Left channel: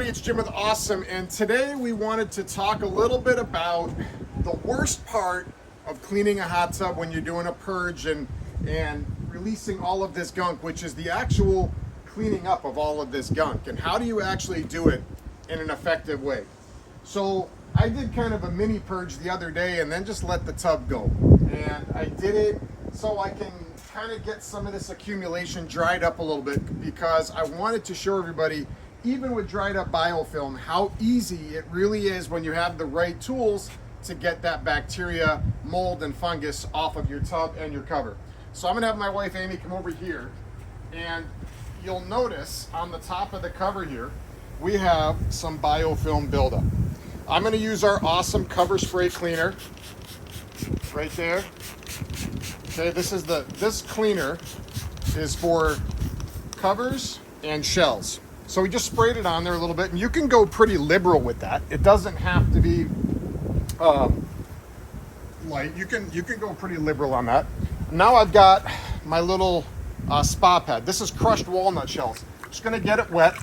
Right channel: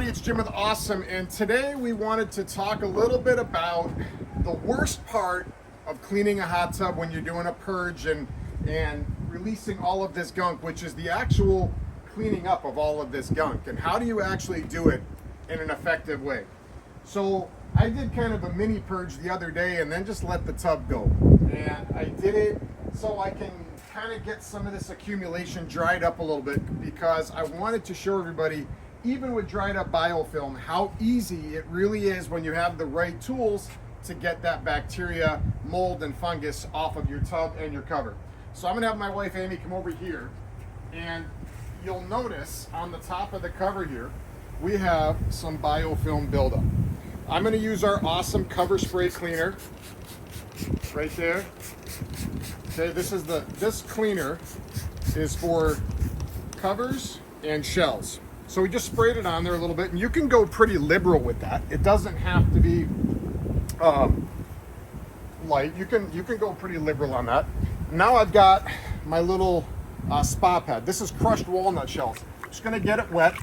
everybody, it's Jim with Ahh-some, and today we wanted to talk a little bit about the worst part of cleaning a hot tub when you're doing a purge and releasing all of this gunk, which is the actual cleaning up of all of this gunk, and how do you actually do it in an effective way. So I did kind of a mini purge the other day and then just let the tub go, and I did it so I can kind of get some of this accumulation dried up a little bit, because I wanted to show everybody, even with dried up biofilm, how easy it really is when you have the right tools to get that bacteria, mold, and fungus off of your tub and your cover. So I'm gonna have my wife Amy come over here, and you'll notice on the top of the cover here we have some biofilm buildup. I'm gonna use our Ahh-some cover spray cleaner right there. Okay, this cleaner is for covers and shells. So we just sprayed it on there a little bit, and you can go pretty liberal with that. It doesn't have to be light. You can go pretty liberal on that. Now I've got my little spa pad. This is crushed walnut shells. Just gonna get it wet.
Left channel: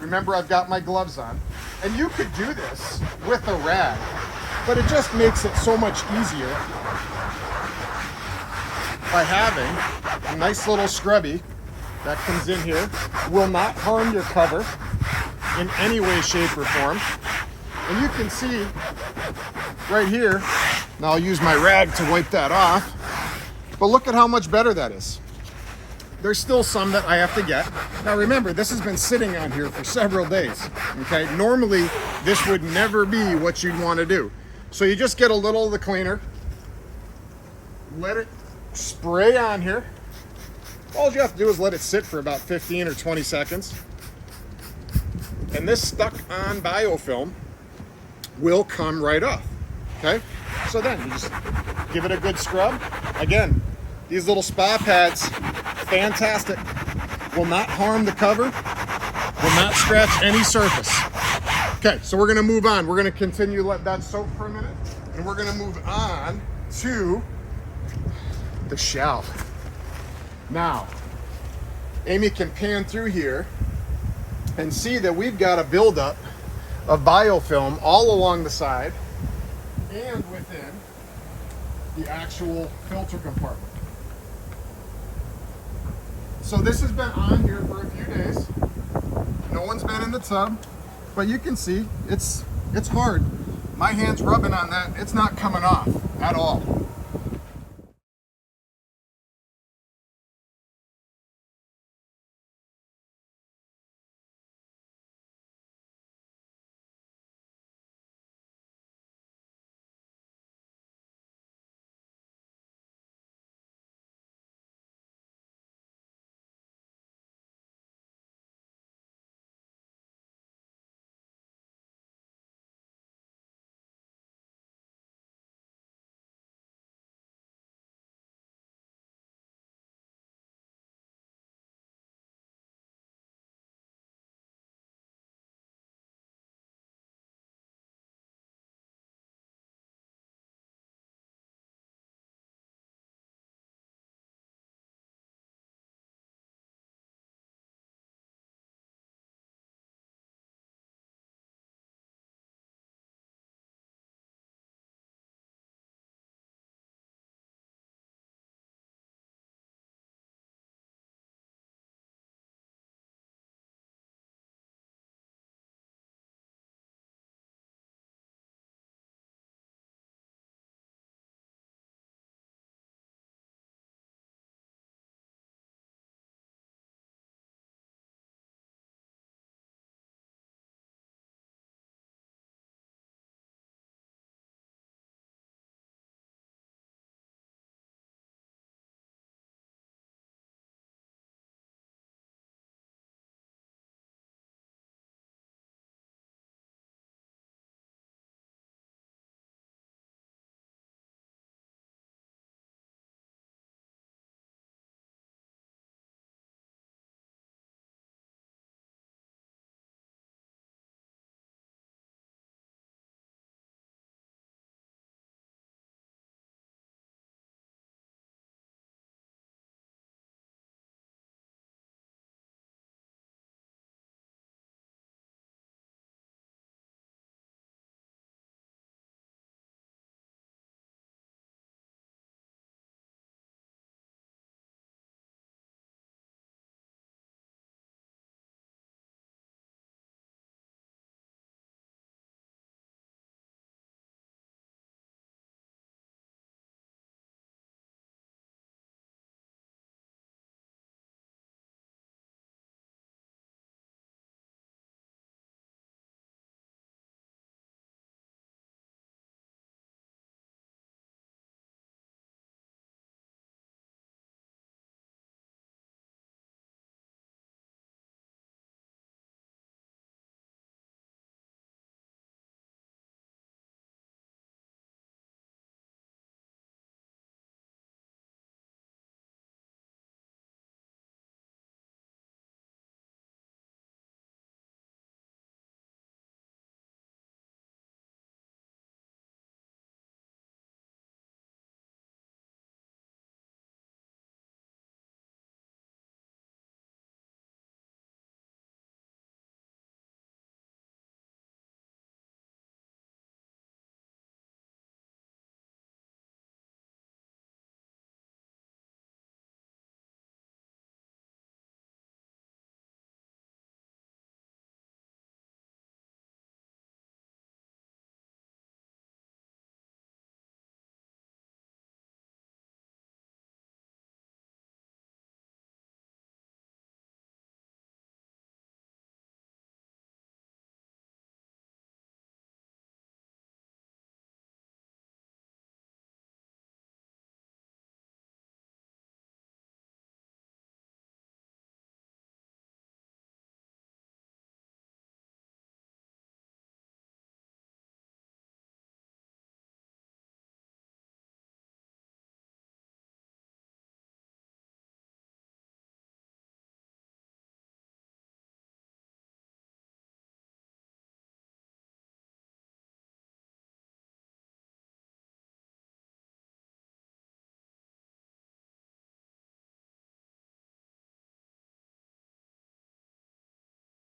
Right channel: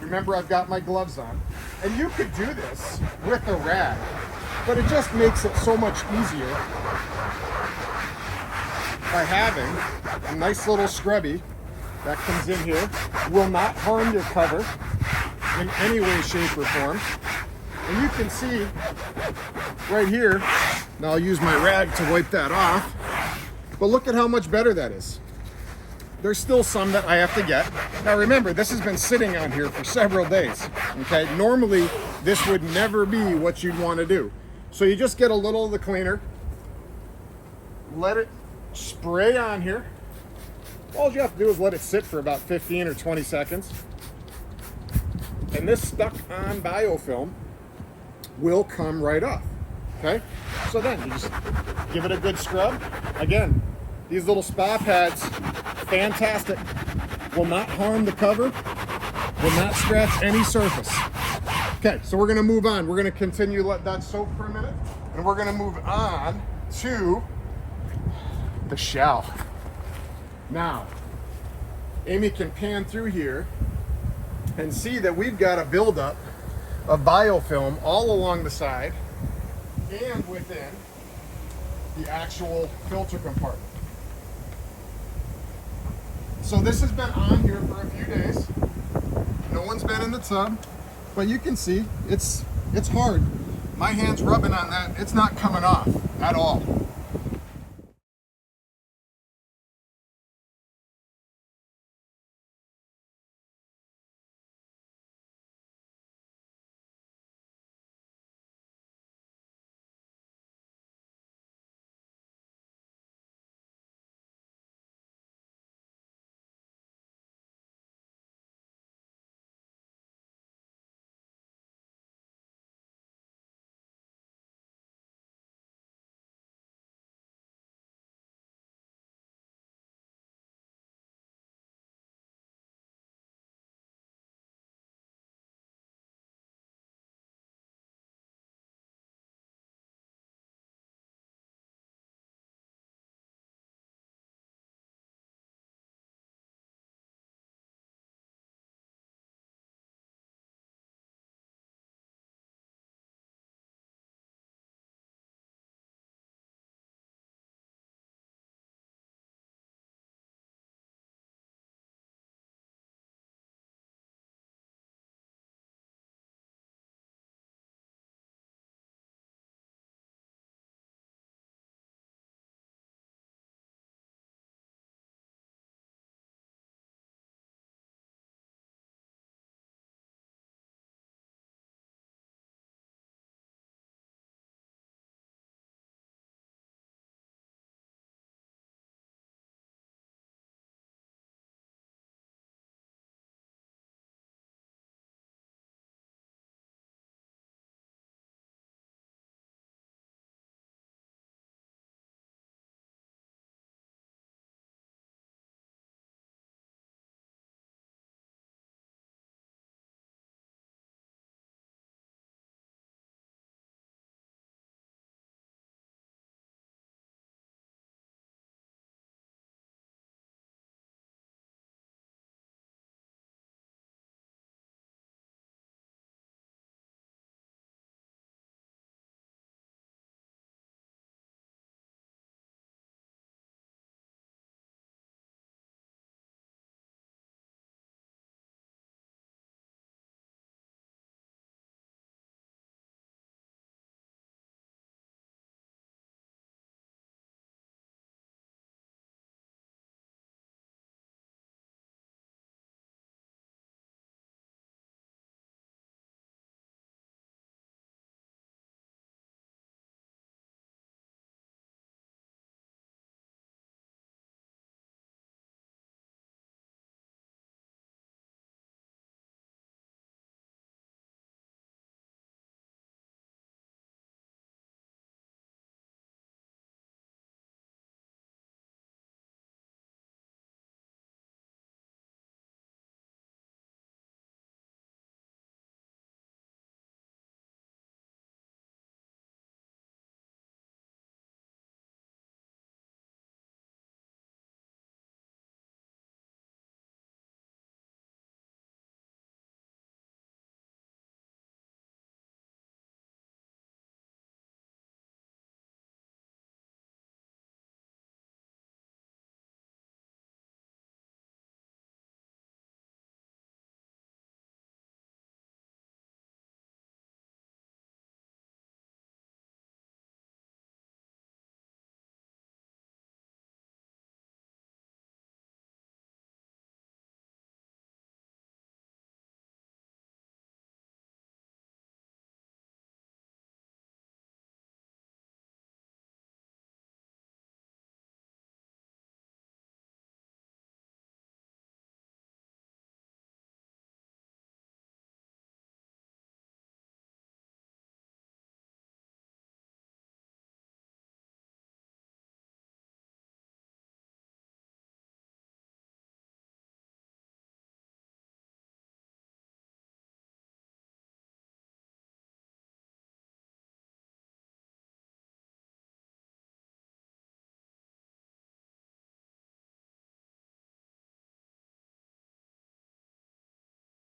Remember, I've got my gloves on. And you could do this with a rag, but it just makes it so much easier by having a nice little scrubby that comes in here. Will not harm your cover in any way, shape, or form. And you can see right here, now I'll use my rag to wipe that off, but look at how much better that is. There's still some that I have to get. Now remember, this has been sitting on here for several days, okay? Normally, this would never be what you'd want to do. So you just get a little of the cleaner, let it spray on here. All you have to do is let it sit for about 15 or 20 seconds. And this stuck on biofilm will come right off, okay? So then you just give it a good scrub. Again, these little spa pads, fantastic. Will not harm the cover, will not scratch any surface. Okay, so we're gonna move on. We're gonna continue, let that soak for a minute, and we're gonna move on to the shell. Now, Amy can pan through here and see that we've got a buildup of biofilm all along the side and within the actual filter compartment. So this has been on here for a few days. No one's been in the tub, but you can see it's hard. My hand's rubbing on that. It's not coming off at all.